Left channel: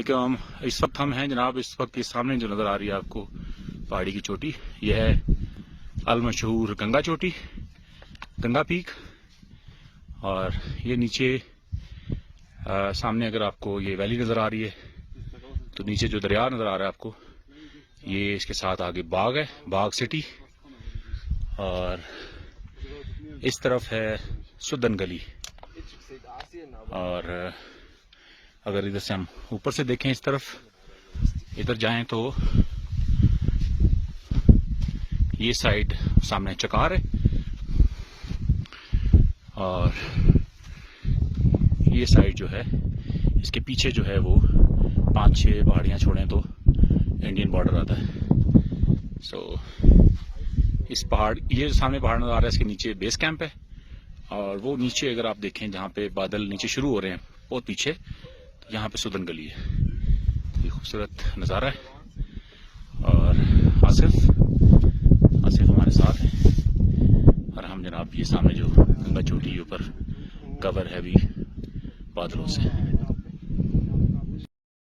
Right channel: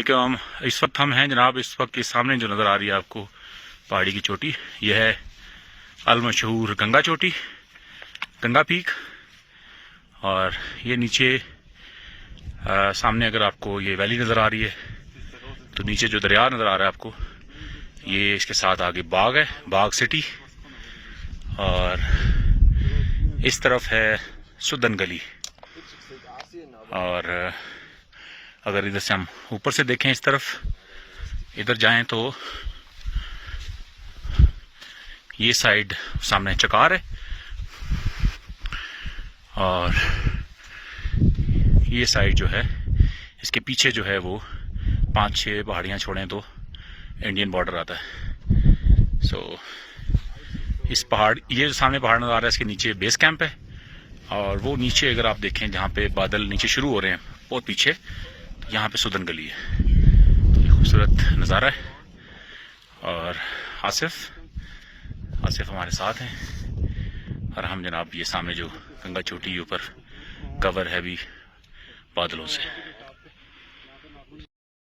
इस वक्त हम हैं जनाब, इस वक्त के सामने जो नज़र आ रही है आपको पहाड़ी की चोटी, यह है अल मशहूर गंगा चोटी, गंगा पीक। और ये नीचे सामने अगर आपको ये वैली नज़र आ रही है तो नीचे जो दरिया नज़र आ रहा है आपको, ये इसके साथ आगे बाग है, बाग सिटी। और इस तरफ है सुदन गली। और अगर इधर से हम ऊपर से देखें इस तरफ, इधर जाएं तो ये साइड सामने चकार है और ये साइड जो है इसके पीछे जो है वो 5-6 पहाड़ियाँ छोड़ें तो इंडियन बॉर्डर आता है। इस पहाड़, ये जो सामने पहाड़ नज़र आ रहा है इसके नीचे बेस कैंप है। और वो नीचे अगर आप देखें जहाँ पे बादल नीचे शुरू हो रहे हैं बहुत पीछे, तो यहाँ पे सुदन गली है। तो ये खूबसूरत नज़ारा है। और आसिफ हमारे साथ हैं और हम जनाब ये सामने जो गंगा चोटी ऊपर कवर है भी बादलों से।